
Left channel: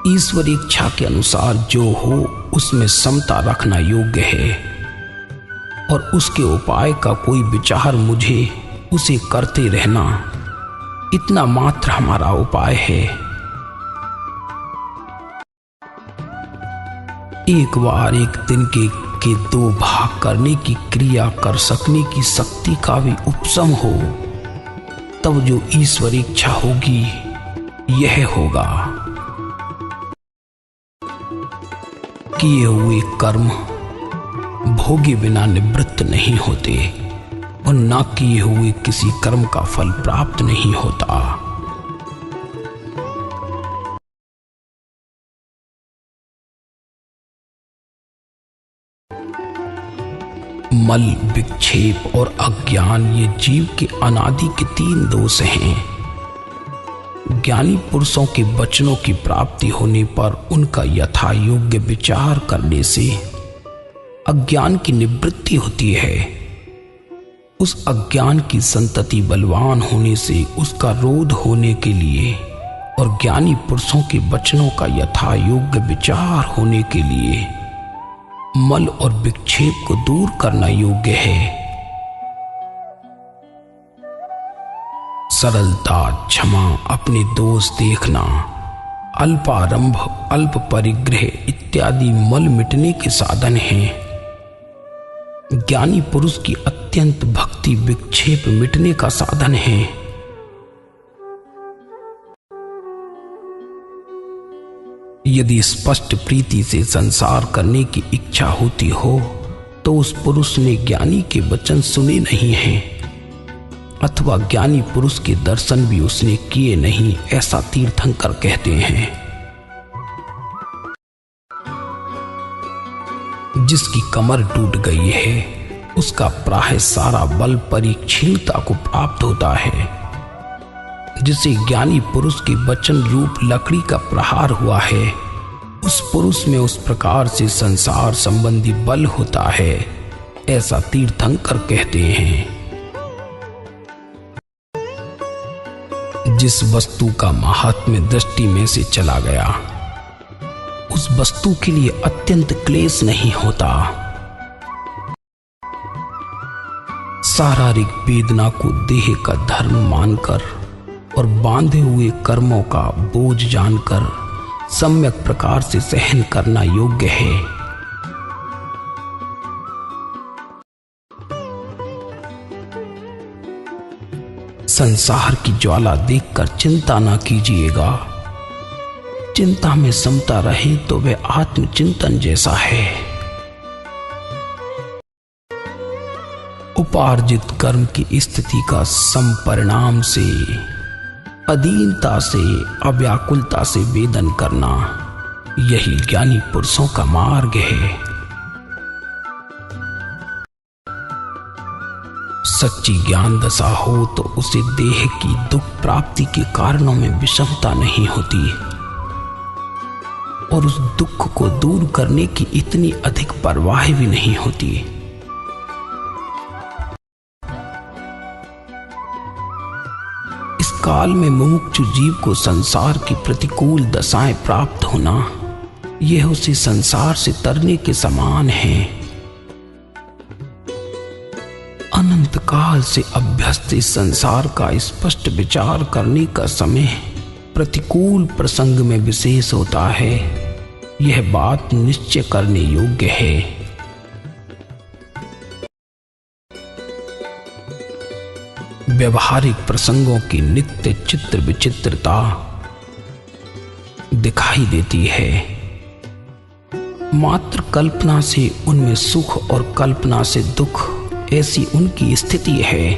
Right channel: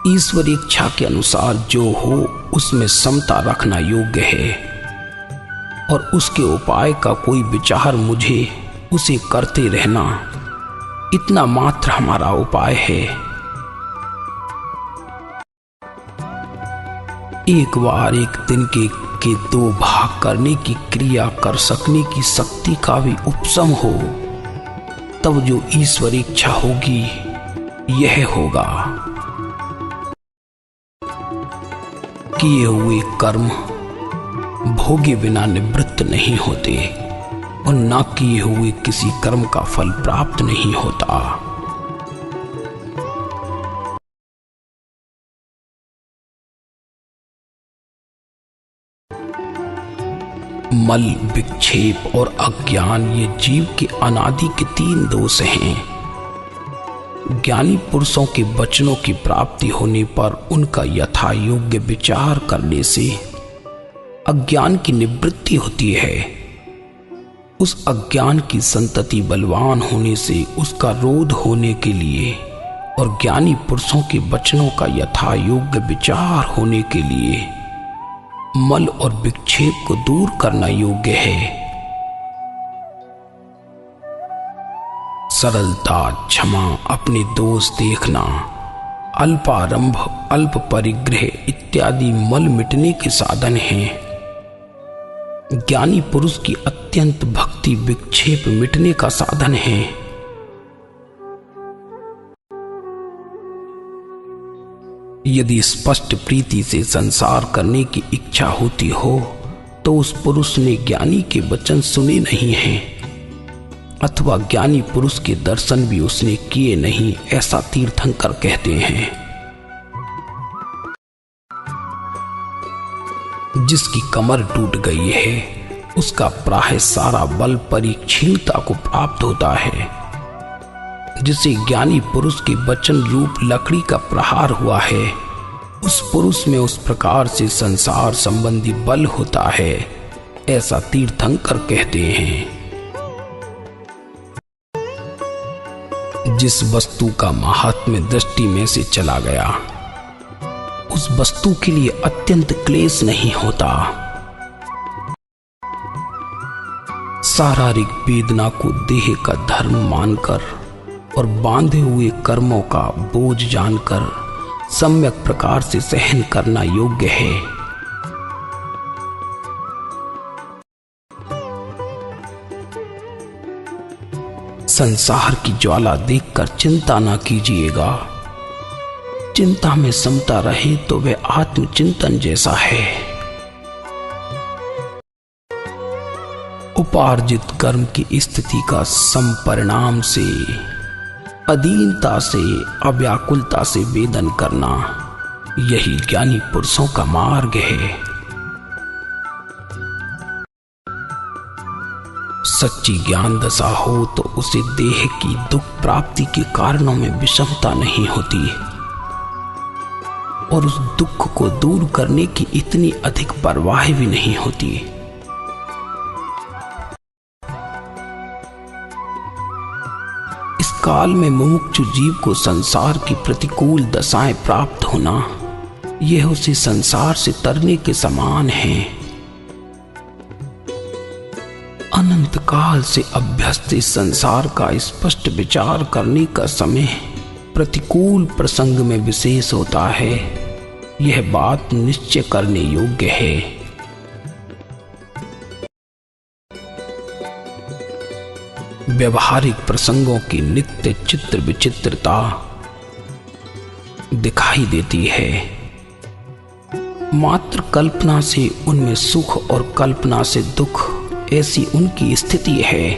ईश्वर इच्छा के अनुसार जो हो उसमें समता रखना योग्य है और उसके उपाय का कोई विचार मुझे उसे करते रहना, इतना मात्र हमारा उपाय है। एक बार एक दिन के दो भाग करने की क्रिया कर सकने की शक्ति का भी उपशम हो, तब जो ईश्वर इच्छा होगी यह होगा। किए हुए कर्म भोगे बिना निवृत्त नहीं होते और ना किए हुए किसी कर्म का फल प्राप्त नहीं होता। मल, विक्षेप और अज्ञान ये जीव के अनादि के 3 दोष हैं। ज्ञानी पुरुषों के वचनों की प्राप्ति होने पर उनका यथा योग्य विचार करने से अज्ञान की निवृत्ति होती है। उस अज्ञान की संतति बलवान होने से उसका रोध होने के लिए और ज्ञानी पुरुषों के वचनों का यथा योग्य विचार होने के लिए मल और विक्षेप को दूर करना योग्य है। सरलता, क्षमा, अपने दोष देखना, अल्पारंभ, अल्प परिग्रह इत्यादि मल मिटने के साधन हैं। ज्ञानी पुरुष की अत्यंत भक्ति विक्षेप मिटने का साधन है। यदि स्पष्ट प्रीति से संसार करने की इच्छा होती हो तो उस पुरुष ने ज्ञानी के वचन सुने नहीं हैं, अथवा ज्ञानी पुरुष के दर्शन भी उसने किए नहीं, ऐसा तीर्थंकर कहते हैं। जिसकी कमर टूट गई है उसका प्राय सारा बल परिक्षीणता को प्राप्त होता है। जिसे ज्ञानी पुरुष के वचन रूप लकड़ी का प्रहार हुआ है, उस पुरुष में उस प्रकार से संसार संबंधी बल होता है, ऐसा तीर्थंकर कहते हैं। जिस वस्तु का महात्म्य दृष्टि में से चला गया उस वस्तु के लिए अत्यंत क्लेश नहीं होता। शारीरिक वेदना को देह का धर्म मानकर और बांधे हुए कर्मों का बोझ जानकर सम्यक प्रकार से सहन करना योग्य है। संसार की ज्वाला देखकर चिंता न कीजिएगा। चिंता में समता रहे तो वह आत्मचिंतन जैसा है। उपार्जित कर्म की स्थिति का संपरिणाम से, अधीनता से, अव्याकुलता से वेदन करना, यही ज्ञानी पुरुषों का मार्ग है। सच्ची ज्ञान दशा हो तो उसे देह की दुख प्राप्ति के कारणों में विषमता नहीं होती और उस दुख को दूर करने की इतनी अधिक परवाह भी नहीं होती। इस काल में मुमुक्षु जीव को संसार की प्रतिकूल दशाएं प्राप्त होना, यह उसे संसार से तरने के समान है। अनंत काल से अभ्यस्त इस संसार का स्पष्ट विचार करने का समय प्रतिकूल प्रसंग में विशेष होता है, यह बात निश्चय करने योग्य है। व्यवहारिक प्रसंगों की नित्य चित्र विचित्रता दिखाई देती है। मात्र कल्पना से उनमें सुख और कल्पना से दुख, ऐसी उनकी स्थिति है।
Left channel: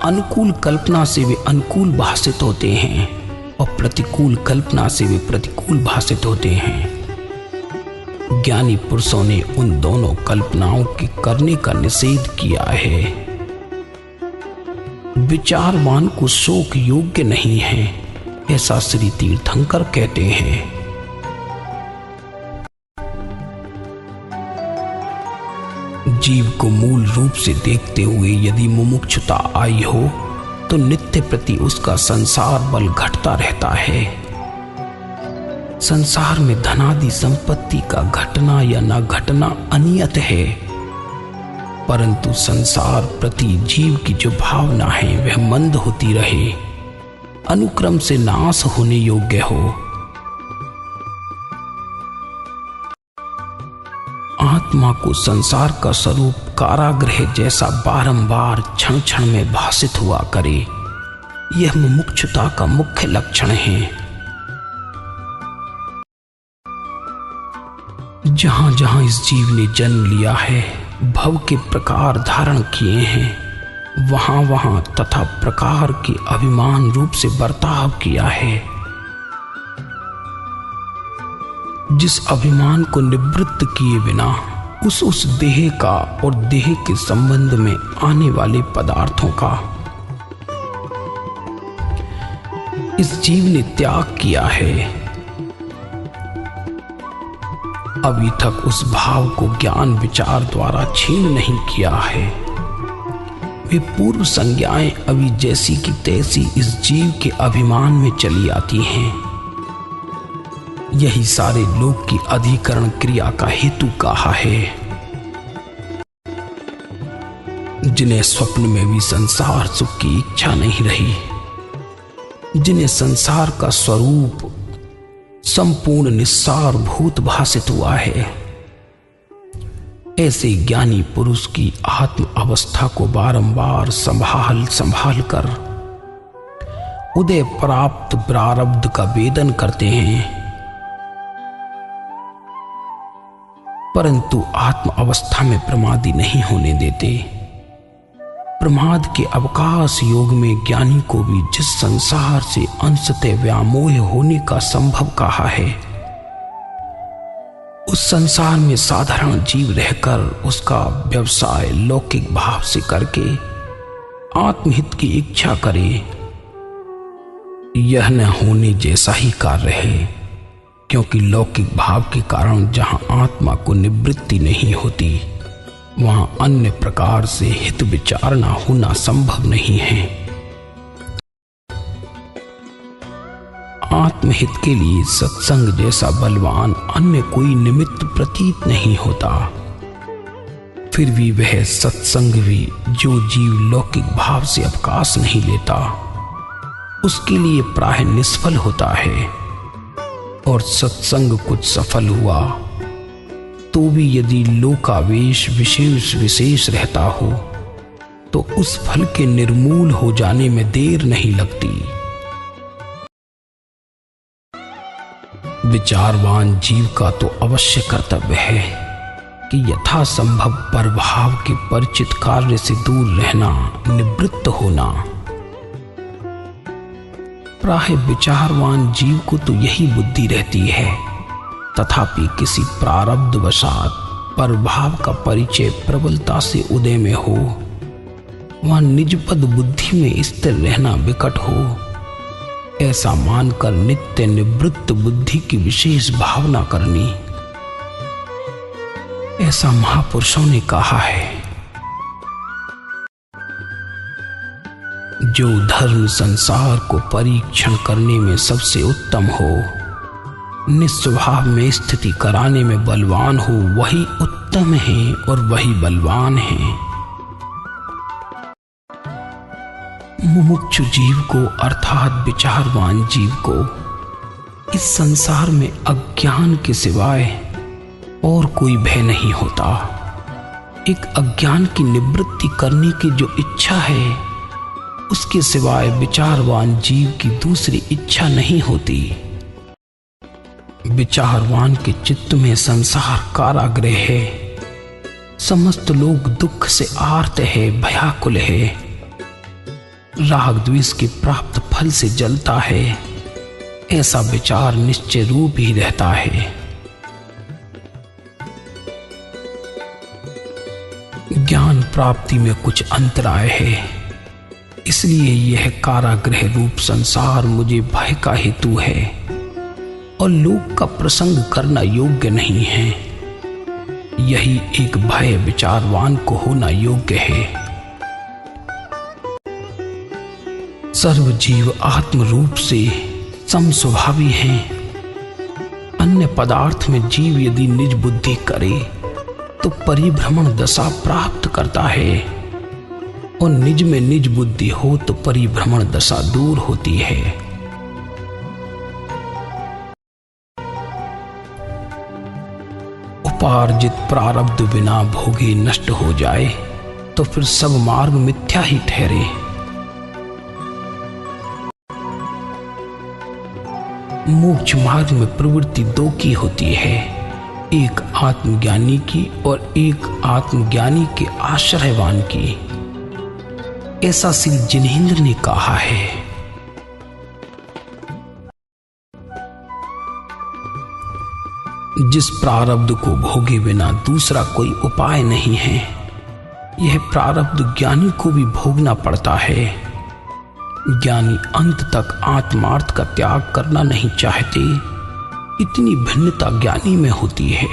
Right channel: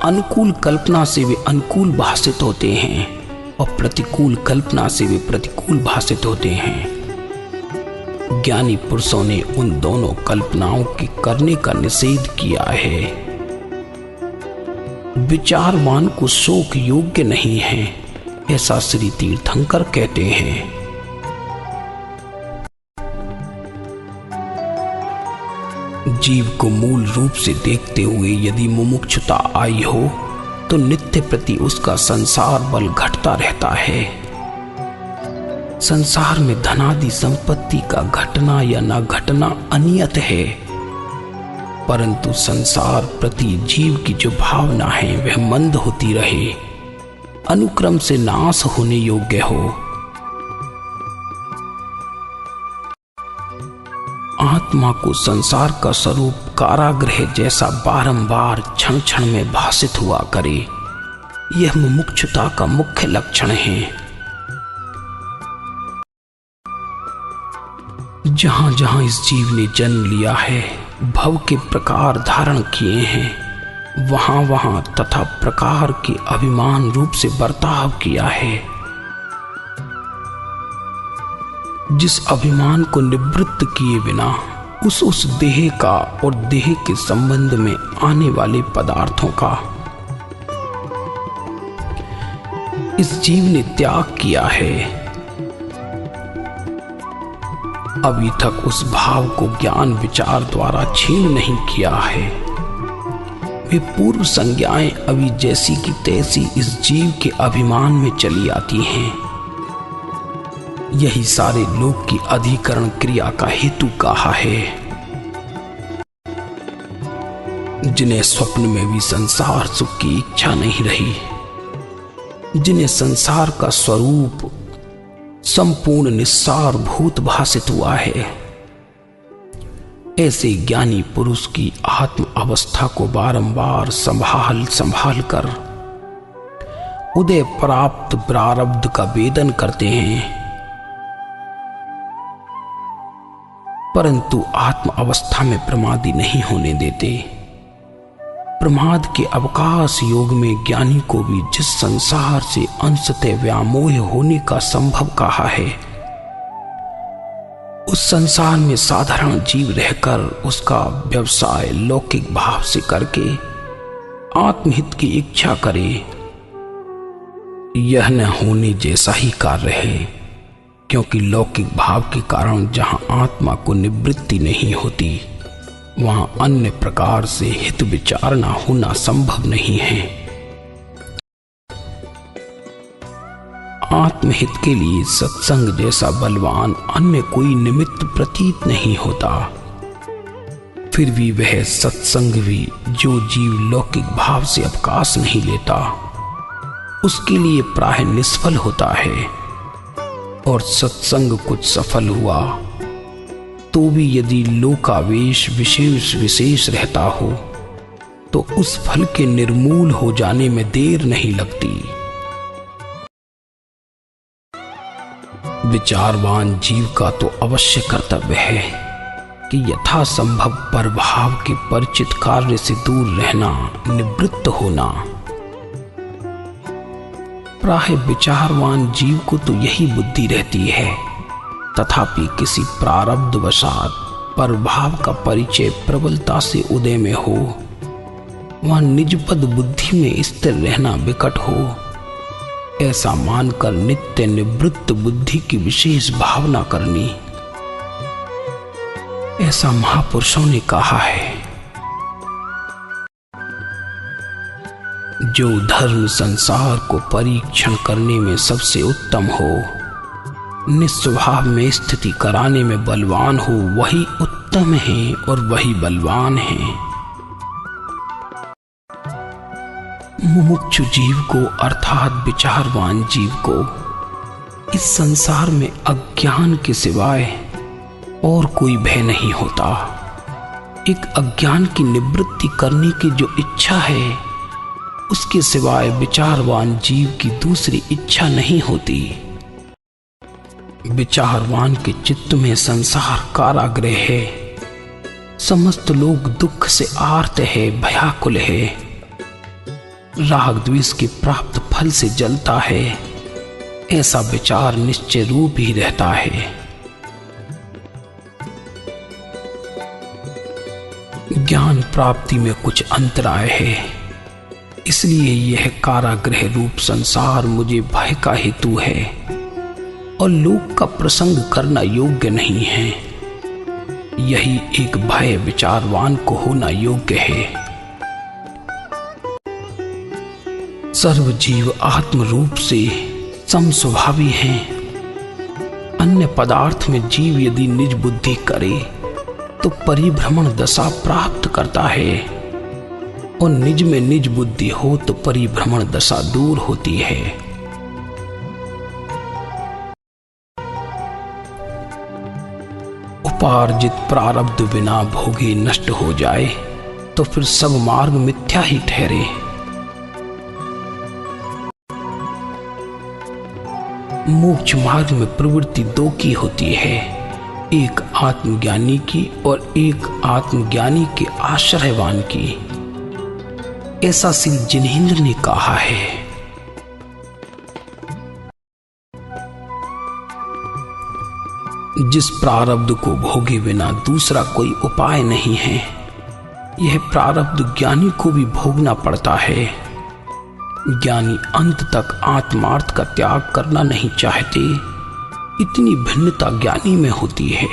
अनुकूल कल्पना से वे अनुकूल भाषित होते हैं और प्रतिकूल कल्पना से वे प्रतिकूल भाषित होते हैं। ज्ञानी पुरुषों ने उन दोनों कल्पनाओं के करने का निषेध किया है। विचारवान को शोक योग्य नहीं है, ऐसा श्री तीर्थंकर कहते हैं। जीव को मूल रूप से देखते हुए यदि मुमुक्षुता आई हो तो नित्य प्रति उसका संसार बल घटता रहता है। संसार में धनादि संपत्ति का घटना या न घटना अनियत है, परंतु संसार प्रति जीव की जो भावना है वह मंद होती रहे, अनुक्रम से नाश होने योग्य हो। आत्मा को संसार का स्वरूप कारागृह जैसा बारंबार क्षण क्षण में भासित हुआ करे, यह मुमुक्षुता का मुख्य लक्षण है। जहां जहां इस जीव ने जन्म लिया है, भव के प्रकार धारण किए हैं, वहां वहां तथा प्रकार के अभिमान रूप से बर्ताव किया है। जिस अभिमान को निवृत्त किए बिना उस देह का और देह के संबंध में आने वाले पदार्थों का इस जीव ने त्याग किया है, अभी तक उस भाव को ज्ञान विचार द्वारा छीन नहीं किया है। वे पूर्व संज्ञाएं अभी जैसी की तैसी इस जीव के अभिमान में चली आती हैं। यही सारे लोक की अधिकरण क्रिया का हेतु कहा है। जिन्हें स्वप्न में भी संसार सुख की इच्छा नहीं रही, जिन्हें संसार का स्वरूप संपूर्ण निस्सार भूत भासित हुआ है, ऐसे ज्ञानी पुरुष की आत्म अवस्था को बारंबार संभाल कर उदय प्राप्त प्रारब्ध का वेदन करते हैं, परंतु आत्म अवस्था में प्रमादी नहीं होने देते। प्रमाद के अवकाश योग में ज्ञानी को भी जिस संसार से अंशतः व्यामोह होने का संभव कहा है, उस संसार में साधारण जीव रहकर उसका व्यवसाय लौकिक भाव से करके आत्महित की इच्छा करे, यह न होने जैसा ही कार्य है। क्योंकि लौकिक भाव के कारण जहां आत्मा को निवृत्ति नहीं होती, वहां अन्य प्रकार से हित विचारणा होना संभव नहीं है। आत्महित के लिए सत्संग जैसा बलवान अन्य कोई निमित्त प्रतीत नहीं होता। फिर भी वह सत्संग भी जो जीव लौकिक भाव से अवकाश नहीं लेता, उसके लिए प्राय निष्फल होता है। और सत्संग कुछ सफल हुआ तो भी यदि लोकावेश विशेष रहता हो, तो उस फल के निर्मूल हो जाने में देर नहीं लगती। विचारवान जीव का तो अवश्य कर्तव्य है कि यथासंभव परभाव के परिचित कार्य से दूर रहना, निवृत्त होना। प्राय विचारवान जीव को तो यही बुद्धि रहती है, तथापि किसी प्रारब्ध वशात परभाव का परिचय प्रबलता से उदय में हो, वहां निजपद बुद्धि में स्थिर रहना विकट हो, ऐसा मानकर नित्य निवृत्त बुद्धि की विशेष भावना करनी, ऐसा महापुरुषों ने कहा है। जो धर्म संसार को परीक्षण करने में सबसे उत्तम हो, निस्वभाव में स्थिति कराने में बलवान हो, वही उत्तम है और वही बलवान है। मुमुक्षु जीव को अर्थात विचारवान जीव को इस संसार में अज्ञान के सिवाय और कोई भय नहीं होता। एक अज्ञान की निवृत्ति करने की जो इच्छा है, उसके सिवाय विचारवान जीव की दूसरी इच्छा नहीं होती। विचारवान के चित्त में संसार कारागृह है, समस्त लोग दुख से आर्त है, भयाकुल है, राग द्वेष के प्राप्त फल से जलता है, ऐसा विचार निश्चय रूप ही रहता है। ज्ञान प्राप्ति में कुछ अंतराय है, इसलिए यह कारागृह रूप संसार मुझे भय का हेतु है और लोक का प्रसंग करना योग्य नहीं है। यही एक भय विचारवान को होना योग्य है। सर्व जीव आत्म रूप से समस्वभावी हैं। अन्य पदार्थ में जीव यदि निज बुद्धि करे तो परिभ्रमण दशा प्राप्त करता है, और निज में निज बुद्धि हो तो परिभ्रमण दशा दूर होती है। उपार्जित प्रारब्ध बिना भोगे नष्ट हो जाए तो फिर सब मार्ग मिथ्या ही ठहरे। मोक्ष मार्ग में प्रवृत्ति दो की होती है, एक आत्मज्ञानी की और एक आत्मज्ञानी के आश्रयवान की। ऐसा श्री जिनेंद्र ने कहा है। जिस प्रारब्ध को भोगे बिना दूसरा कोई उपाय नहीं है, यह प्रारब्ध ज्ञानी को भी भोगना पड़ता है। ज्ञानी अंत तक आत्मार्थ का त्याग करना नहीं चाहते, इतनी भिन्नता ज्ञानी में होती है